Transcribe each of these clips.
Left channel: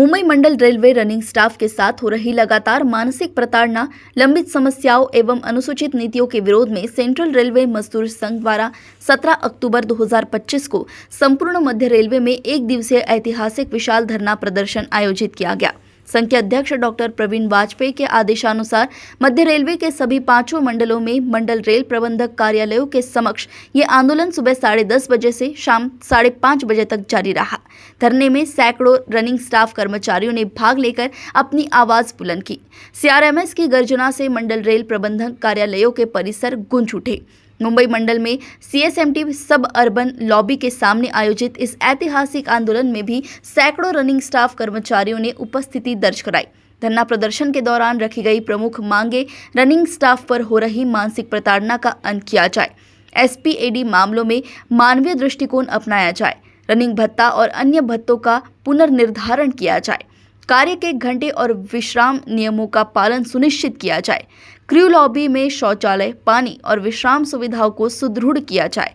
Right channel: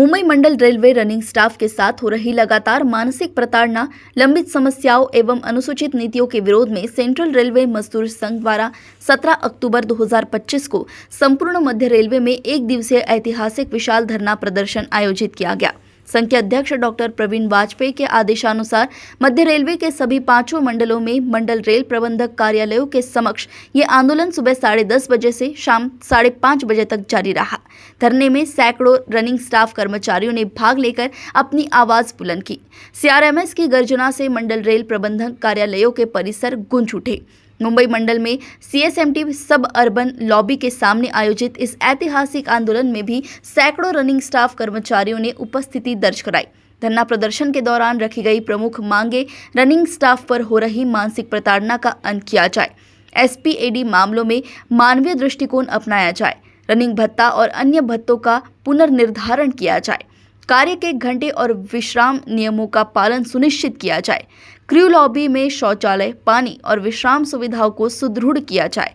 मुंबई मंडल railway running staff के साथ हो रही लगातार मानसिक प्रताड़ना, लंबित समस्याओं एवं अनुसूचित नीतियों के विरोध में सेंट्रल रेलवे मजदूर संघ द्वारा 17 अक्टूबर 2025 को संपूर्ण मध्य रेलवे में एक दिवसीय ऐतिहासिक विशाल धरना प्रदर्शन आयोजित किया गया। संघ के अध्यक्ष डॉक्टर प्रवीण वाजपेयी के आदेशानुसार मध्य रेलवे के सभी 5 मंडलों में मंडल रेल प्रबंधक कार्यालयों के समक्ष ये आंदोलन सुबह 10:30 बजे से शाम 5:30 बजे तक जारी रहा। धरने में सैकड़ों रनिंग स्टाफ कर्मचारियों ने भाग लेकर अपनी आवाज बुलंद की। CRMS की गर्जना से मंडल रेल प्रबंधक कार्यालयों के परिसर गूंज उठे। मुंबई मंडल में CSMT सब अर्बन लॉबी के सामने आयोजित इस ऐतिहासिक आंदोलन में भी सैकड़ों रनिंग स्टाफ कर्मचारियों ने उपस्थिति दर्ज कराई। धरना प्रदर्शन के दौरान रखी गई प्रमुख मांगे रनिंग स्टाफ पर हो रही मानसिक प्रताड़ना का अंत किया जाए, SPAD मामलों में मानवीय दृष्टिकोण अपनाया जाए, रनिंग भत्ता और अन्य भत्तों का पुनर्निर्धारण किया जाए, कार्य के घंटे और विश्राम नियमों का पालन सुनिश्चित किया जाए, क्रू लॉबी में शौचालय, पानी और विश्राम सुविधाओं को सुदृढ़ किया जाए।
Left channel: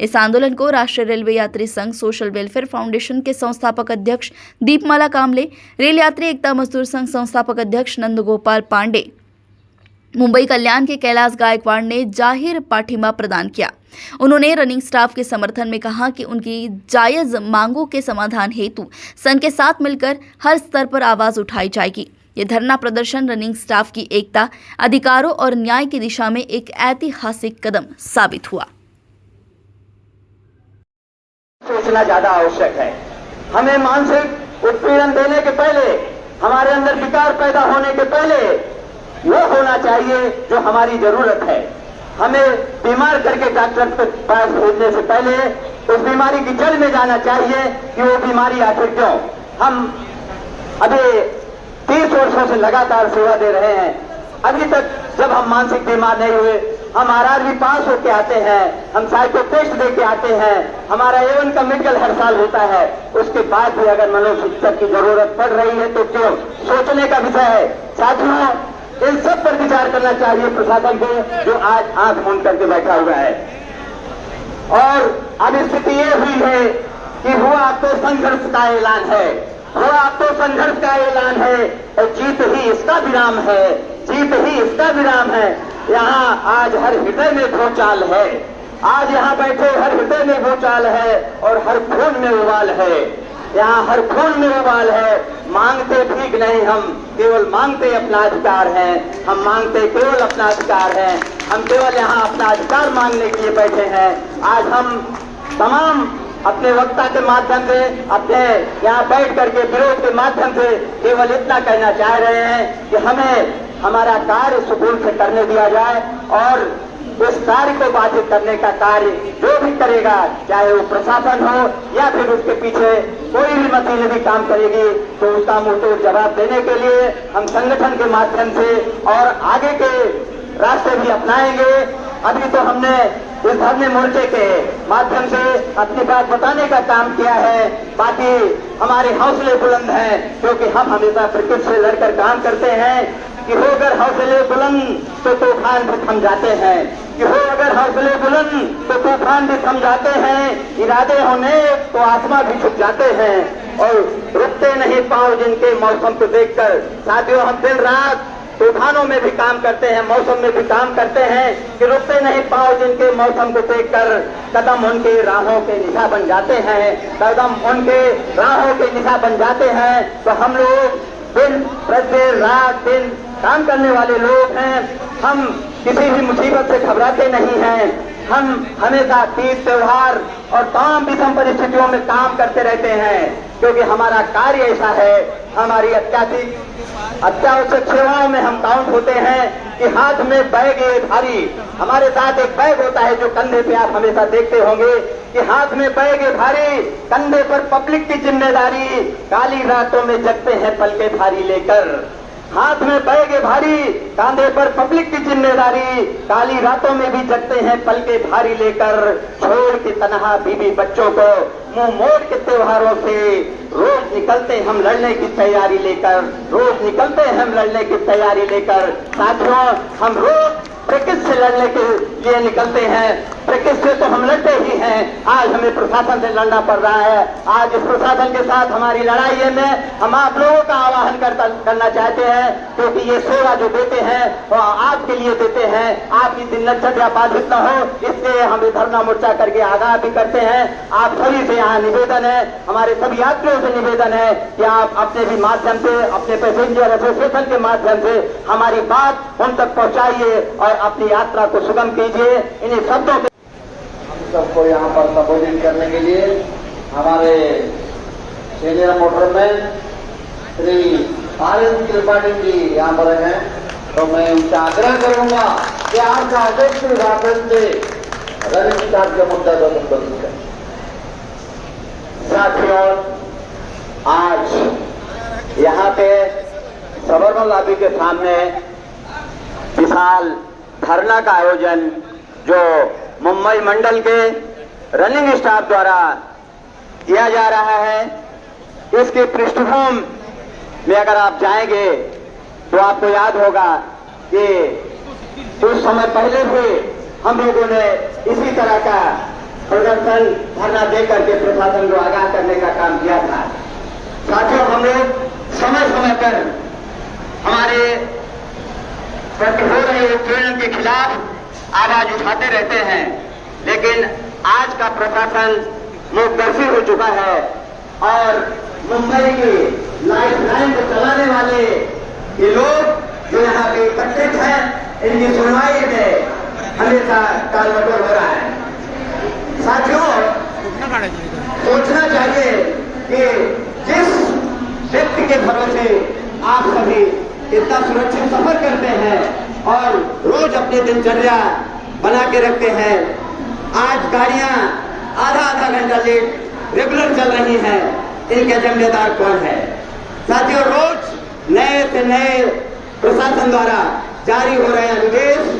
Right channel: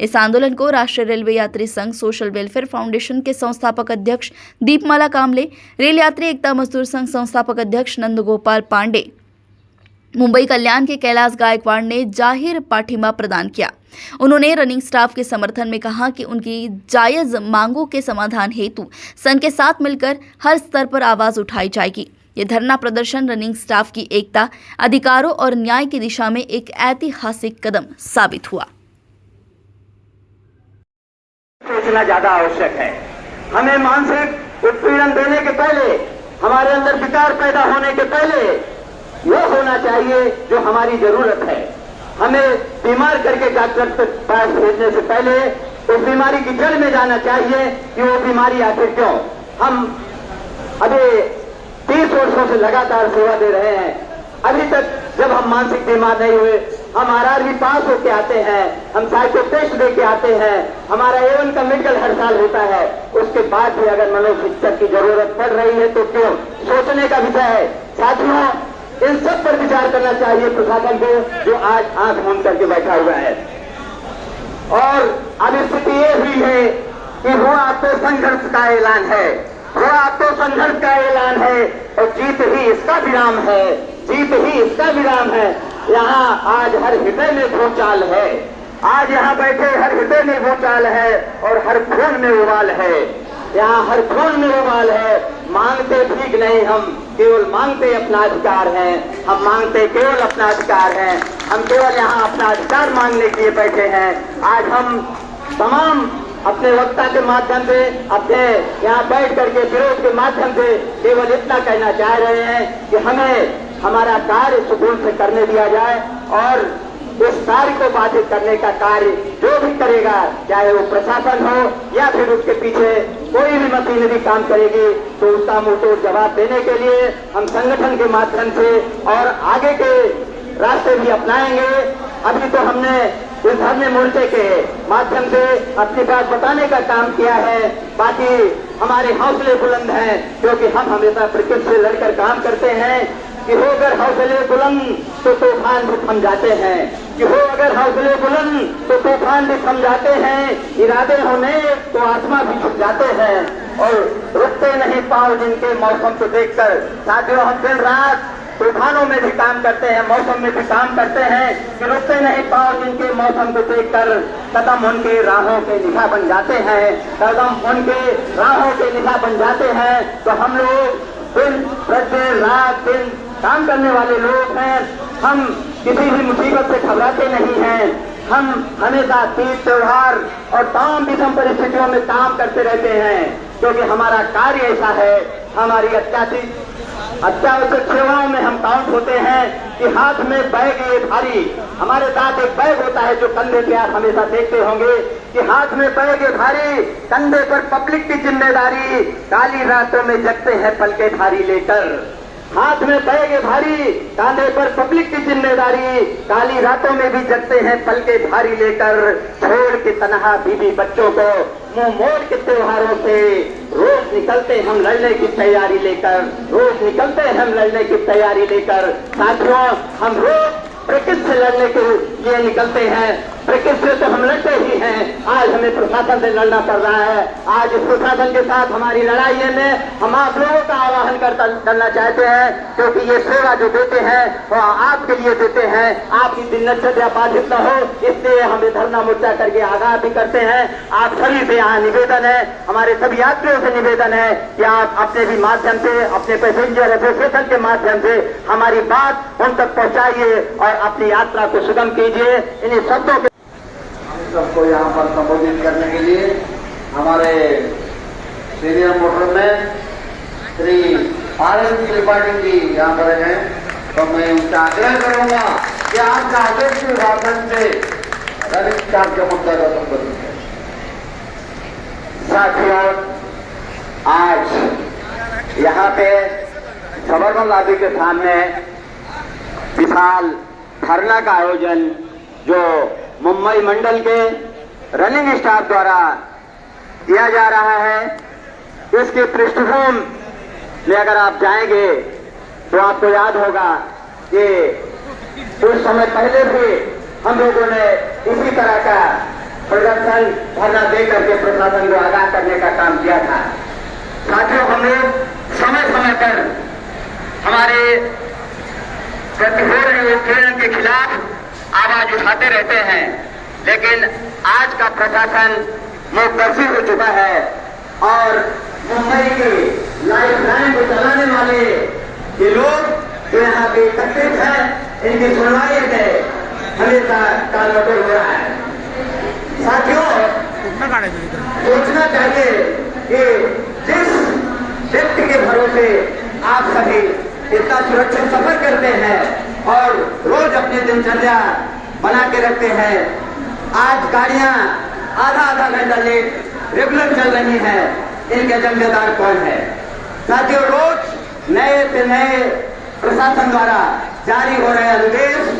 इस आंदोलन को राष्ट्रीय रेलवे यात्री संघ सोशल वेलफेयर फाउंडेशन के संस्थापक अध्यक्ष दीपमाला कामले, रेल यात्री एकता मजदूर संघ संस्थापक अध्यक्ष नंदगोपाल पांडे, मुंबई कल्याण के कैलाश गायकवाड़ ने जाहिर पाठिंबा प्रदान किया। उन्होंने रनिंग स्टाफ के समर्थन में कहा कि उनकी जायज मांगों के समाधान हेतु संघ के साथ मिलकर हर स्तर पर आवाज उठाई जाएगी। ये धरना प्रदर्शन रनिंग स्टाफ की एकता, अधिकारों और न्याय की दिशा में एक ऐतिहासिक कदम साबित हुआ। सोचना ज्यादा आवश्यक है। हमें मानसिक उत्पीड़न देने के पहले, हमारे अंदर विकार पैदा होने के पहले यह होना चाहिए जो हमारी जरूरत है। हमें बीमार करके डॉक्टर के पास भेजने से पहले उस बीमारी की जड़ में जाना चाहिए कि वो बीमारी आखिर क्यों। हम अभी 30 वर्षों से लगातार सेवा दे रहे हैं। अभी तक जब हम मानसिक बीमार नहीं हुए, हम RRB पास होके आते हैं, हम साइको टेस्ट दे के आते हैं, हमारा A1 का मेडिकल हर साल होता है। उसके बाद भी अगर मनोचिकित्सक की जरूरत पड़ रही है तो क्यों, सोचने का विषय है। साथियों, इन सब पर विचार करना चाहिए प्रशासन को, जो आज आंख मूंद करके बैठा हुआ है। और अब स्थिति ये हुई है कि हुआ तो संघर्ष का ऐलान है, हुआ तो संघर्ष का ऐलान है और जीत ही इसका विराम है, जीत ही इसका विराम है। यहाँ आज हर हृदय में भूचाल है, आज यहाँ बैठे हर हृदय में भूचाल है और हर खून में उबाल है। यहाँ हर खून में उबाल है। मांगते भीख नहीं, हम केवल मांगते अपना अधिकार हैं। हम मांगते केवल अपना अधिकार हैं। हम केवल यहाँ अपना अधिकार मांगने के लिए बैठे हैं। आज हम तमाम अपने वक्ता के माध्यम से, अपने यहाँ बैठ करके विरोध के माध्यम से केवल इतना कहना चाह रहे हैं कि हमें हमारा कार्य सुदूर से करने दिया जाए और इस कार्य को बाधित करने का कार्य जो भी करेगा, चाहे वो प्रशासन हो या फिर उसके पीछे कोई भी मशीनरी काम करेगी, तो उसका मुंहतोड़ जवाब देने के लिए हम संगठन के माध्यम से और आगे के रास्ते भी अपनाएंगे। अभी तो हमने इस धरने मोर्चे के माध्यम से अपनी बात बताने का काम किया है। बाकी हमारे हौसले बुलंद हैं, क्योंकि हम हमेशा प्रकृति से लड़कर काम करते हैं कि होकर हौसले बुलंद तो तूफान भी थम जाते हैं, कि हो अगर हौसले बुलंद तो तूफान भी थम जाते हैं, इरादे होने तो आसमां भी झुक जाते हैं और रुकते नहीं पांव जिनके मौसम को देखकर। साथियों, हम दिन रात तूफानों में भी काम करते हैं, मौसम में भी काम करते हैं कि रुकते नहीं पांव जिनके मौसम को देखकर। कदम उनके राहों के निशा बन जाते हैं, कदम उनके राहों के निशा बन जाते हैं। तो हम लोग दिन प्रतिदिन रात दिन काम करने वाले लोग हैं। हम किसी भी मुसीबत से घबराते नहीं हैं। हम हमेशा तीज त्योहार और तमाम विषम परिस्थितियों में काम करते रहते हैं, क्योंकि हमारा कार्य ऐसा है। हमारी अत्यावश्यक सेवाओं में हम काउंट होते हैं कि हाथ में बैग ये भारी, हमारे साथ एक बैग होता है जो कंधे पे आप हमेशा देखते होंगे कि हाथ में बैग ये भारी, कंधे पर पब्लिक की जिम्मेदारी, काली रातों में जगते हैं पल के भारी लेकर। हाथ में बैग भारी, कांधे पर पब्लिक की जिम्मेदारी, काली रातों में भी जगते हैं पल के भारी लेकर। छोड़ के तनहा बीवी बच्चों को मुंह मोड़ के त्योहारों से रोज निकलते हम लड़ने की तैयारी लेकर, रोज निकलते हम लड़ने की तैयारी लेकर। साथियों, हम रोज प्रकृति से लड़ने के ये निकलते हैं, ब्रिटिश से तो हम लड़ते ही हैं। आज हमें प्रशासन से लड़ना पड़ रहा है। आज इस प्रशासन के साथ हमारी लड़ाई है में हम आप लोगों का आह्वान करना चाहते हैं, क्योंकि ये सेवा जो देते हैं वो आपके लिए देते हैं, आपकी दिनचर्या बाधित न हो, इसलिए हम ये धरना मोर्चा करके आगाह भी करते हैं। आप सभी से यहाँ निवेदन है, हमारे सभी यात्रियों से निवेदन है कि आप अपने भी माध्यम से, अपने पैसेंजर एसोसिएशन के माध्यम से हमारी बात उन तक पहुंचाइए और अपनी यात्रा को सुगम कीजिए। इन्हीं शब्दों के सबको यहाँ पर संबोधित करने के लिए हमारे सीनियर मोटर में श्री आनंद त्रिपाठी जी यहाँ पर हैं, तो मैं उनका आग्रह करूंगा कि आपका अध्यक्ष के माध्यम से रनिंग स्टाफ के मुद्दे को संबोधित करें। साथियों, आज यहाँ पे गवर्नर लॉबी के सामने विशाल धरना का आयोजन जो मुंबई मंडल के रनिंग स्टाफ द्वारा किया जा रहा है, इसकी पृष्ठभूमि में अगर आप जाएंगे तो आपको याद होगा कि कुछ समय पहले भी हम लोगों ने इसी तरह का प्रदर्शन धरना दे करके प्रशासन को आगाह करने का काम किया था। साथियों, हम लोग समय समय पर हमारे हो रहे उत्पीड़न के खिलाफ आवाज उठाते रहते हैं, लेकिन आज का प्रशासन मूकदर्शी हो चुका है और मुंबई की लाइफ लाइन को चलाने वाले ये लोग जो यहाँ पे एकत्रित हैं, इनकी सुनवाई में हमेशा टालमटोल हो रहा है। साथियों, सोचना चाहिए कि जिस व्यक्ति के भरोसे आप सभी इतना सुरक्षित सफर करते हैं और रोज अपनी दिनचर्या बना के रखते हैं, आज गाड़ियां आधा घंटा लेट रेगुलर चल रही हैं, इनके जिम्मेदार कौन है? साथियों, रोज नए से नए प्रशासन द्वारा जारी हो रहे आदेश,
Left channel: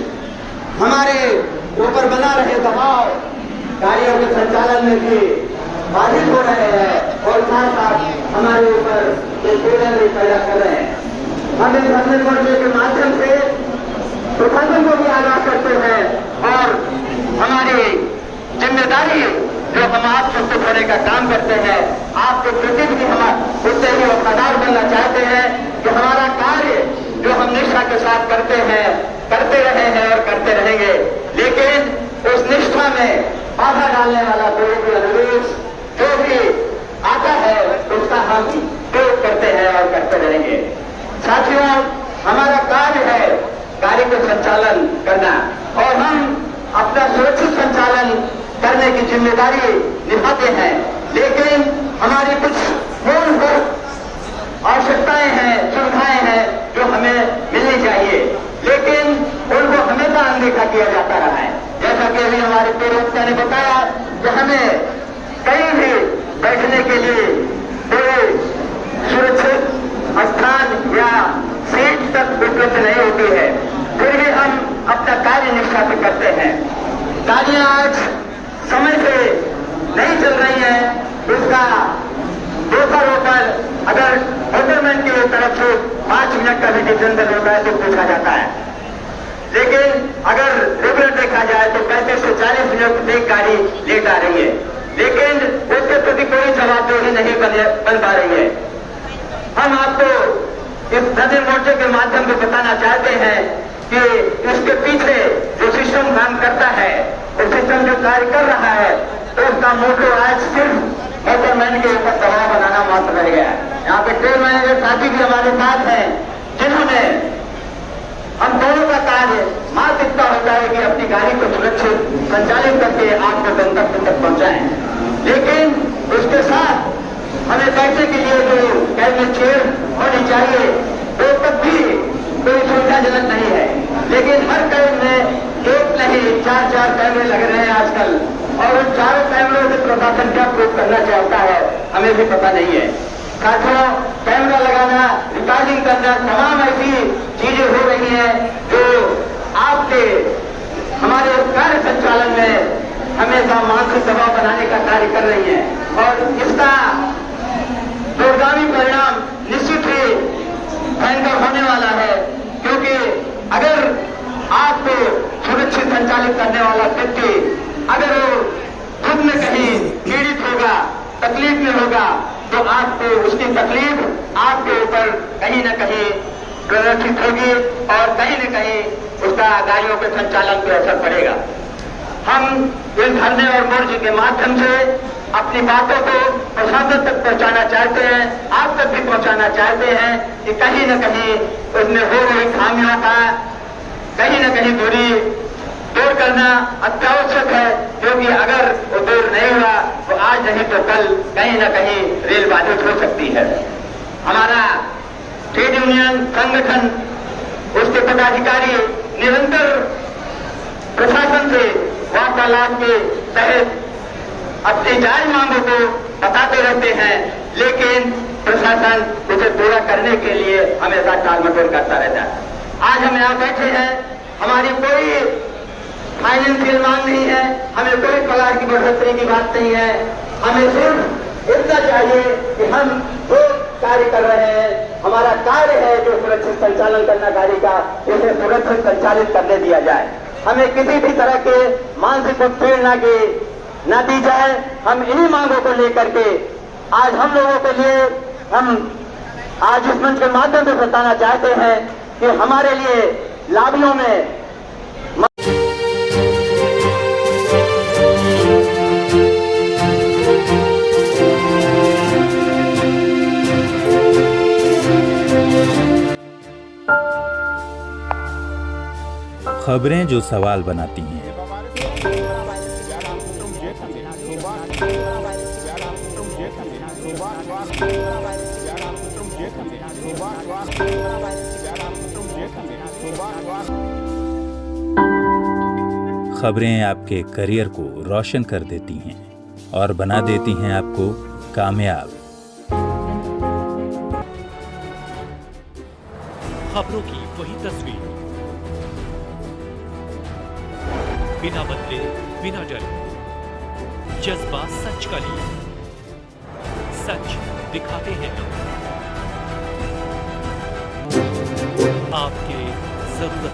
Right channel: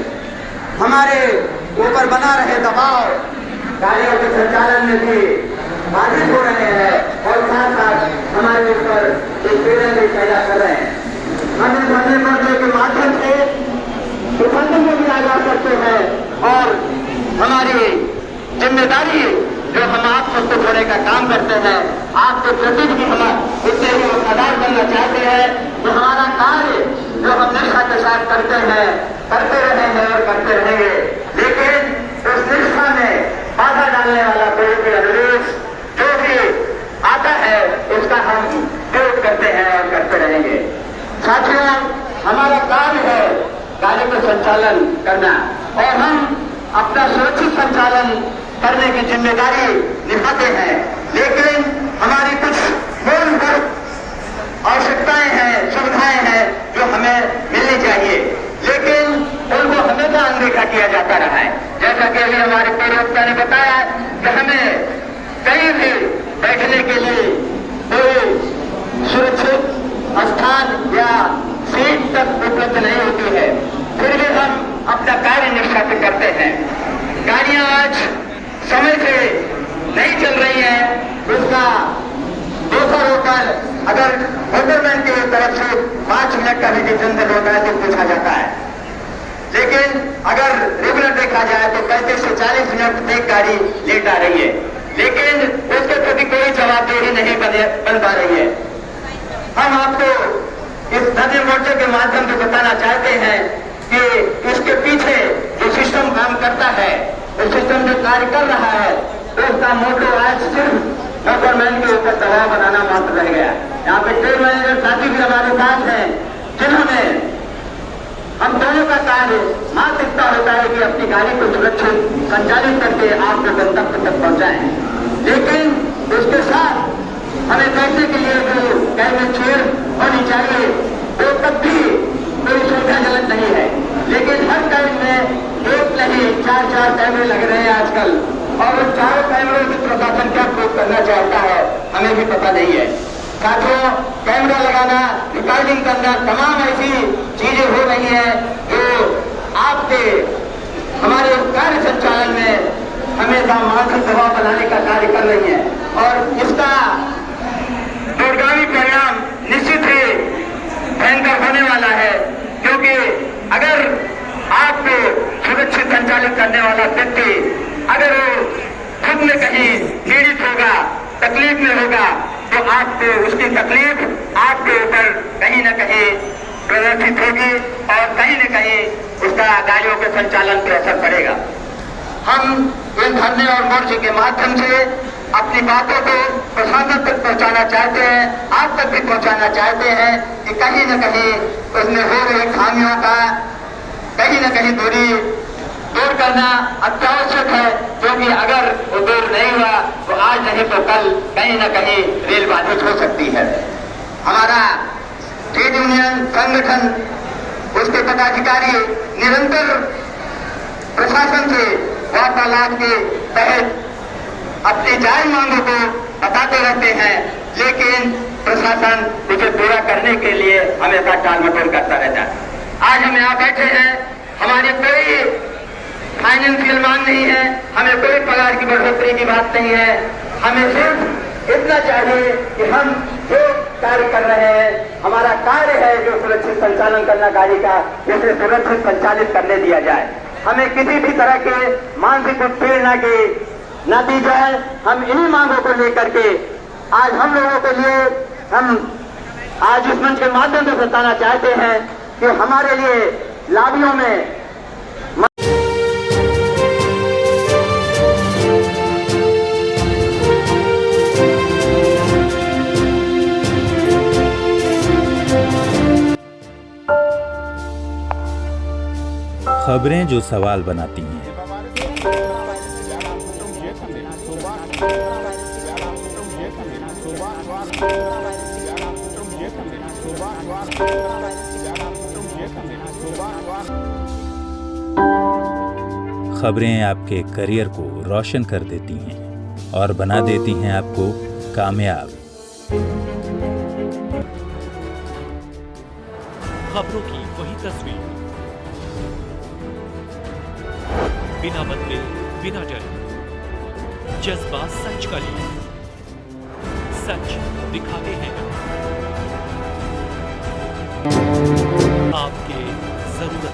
हमारे ऊपर बना रहे दबाव गाड़ियों के संचालन में भी बाधित हो रहे हैं और साथ साथ हमारे ऊपर उत्पीड़न भी पैदा कर रहे हैं। हम इस धरने मोर्चे के माध्यम से प्रशासन को भी आगाह करते हैं और हमारी जिम्मेदारी जो हम आप सबको देने का काम करते हैं, आपके प्रति भी हम उससे ही वफादार बनना चाहते हैं कि हमारा कार्य जो हम निष्ठा के साथ करते हैं, करते रहे हैं और करते रहेंगे, लेकिन उस निष्ठा में बाधा डालने वाला कोई भी अनुदेश जो भी आता है इसका हम प्रयोग करते हैं और करते रहेंगे। साथियों, हमारा कार्य है कार्य का संचालन करना और हम अपना सुरक्षित संचालन करने की जिम्मेदारी निभाते हैं, लेकिन हमारी कुछ मूलभूत आवश्यकताएं हैं, सुविधाएं हैं जो हमें मिलनी चाहिए, लेकिन उनको हमेशा अनदेखा किया जाता रहा है। जैसा कि अभी हमारे पूर्ववक्ता ने बताया कि हमें कहीं भी बैठने के लिए कोई सुरक्षित स्थान या सीट तक उपलब्ध नहीं होती है, फिर भी हम अपना कार्य निष्ठा से करते हैं। गाड़ियां आज समय से नहीं चल रही हैं, इसका दोसर होकर अगर मोटरमैन की तरफ से 5 मिनट का भी डिसीजन होता है तो पूछा जाता है, लेकिन अगर रेगुलर देखा जाए तो 35 से 40 मिनट एक गाड़ी लेट आ रही है, लेकिन उसके प्रति कोई जवाबदेही नहीं बन पा रही है। हम आपको इस धरने मोर्चे के माध्यम से बताना चाहते हैं कि इसके पीछे जो सिस्टम काम करता है, वो सिस्टम जो कार्य कर रहा है, तो उसका मोटो आज सिर्फ मोटरमैन के ऊपर दबाव बनाना महत्व रह गया। यहाँ पे ट्रेन मैनेजर साथी भी हमारे साथ हैं, जिन्होंने हम दोनों का कार्य मात्र इतना होता है कि अपनी गाड़ी को सुरक्षित संचालित करके आपके गंतव्य तक पहुंचाएं, लेकिन उसके साथ हमें बैठने के लिए जो कैबिन चेयर होनी चाहिए वो तब भी कोई सुविधाजनक नहीं है, लेकिन हर कैब में एक नहीं 4 कैमरे लग रहे हैं आजकल, और उन 4 कैमरों से प्रशासन क्या प्रयोग करना चाहता है हमें भी पता नहीं है। साथियों, कैमरा लगाना, रिकॉर्डिंग करना, तमाम ऐसी चीजें हो रही हैं जो आपके हमारे कार्य संचालन में हमेशा मानसिक दबाव बनाने का कार्य कर रही है, और इसका दूरगामी परिणाम निश्चित ही भयंकर होने वाला है, क्योंकि अगर आपको सुरक्षित संचालित करने तकलीफ में होगा तो आपको उसकी तकलीफ आपके ऊपर कहीं न कहीं प्रदर्शित होगी और कहीं न कहीं उसका गाड़ियों के संचालन पर असर पड़ेगा। हम इन धरने और मोर्चे के माध्यम से अपनी बातों को प्रशासन तक पहुंचाना चाहते हैं, आप तक भी पहुंचाना चाहते हैं कि कहीं न कहीं उसमें हो रही खामियों का कहीं न कहीं दूर करना अत्यावश्यक है, क्योंकि अगर वो दूर नहीं हुआ तो आज नहीं तो कल कहीं न कहीं रेल बाधित हो सकती है। हमारा ट्रेड यूनियन संगठन, उसके पदाधिकारी निरंतर प्रशासन से वार्तालाप के तहत अपनी जायज मांगों को बताते रहते हैं, लेकिन प्रशासन इसे पूरा करने के लिए हमेशा टालमटोल करता रहता है। आज हम यहाँ बैठे हैं, हमारी कोई फाइनेंशियल मांग नहीं है, हमें कोई पगार की बढ़ोतरी की बात नहीं है, हमें सिर्फ इतना चाहिए कि हम जो कार्य कर रहे हैं, हमारा कार्य है जो सुरक्षित संचालन करना गाड़ी का, उसे सुरक्षित संचालित करने दिया जाए। हमें किसी भी तरह के मानसिक उत्पीड़ना की न दी जाए। हम इन्हीं मांगों को लेकर के आज हम लोगों के लिए हम आज इस मंच के माध्यम से बताना चाहते हैं कि हमारे लिए लाभियों में खबरें जो सवाल बनाती हैं। खबरें आपके करियर को रोशन कर देती हैं और बना देती हैं आपको कामयाब। खबरों की वही तस्वीर, बिना बदले बिना डरे, जज्बा सच का लिए, सच दिखाते हैं आपके जरूरत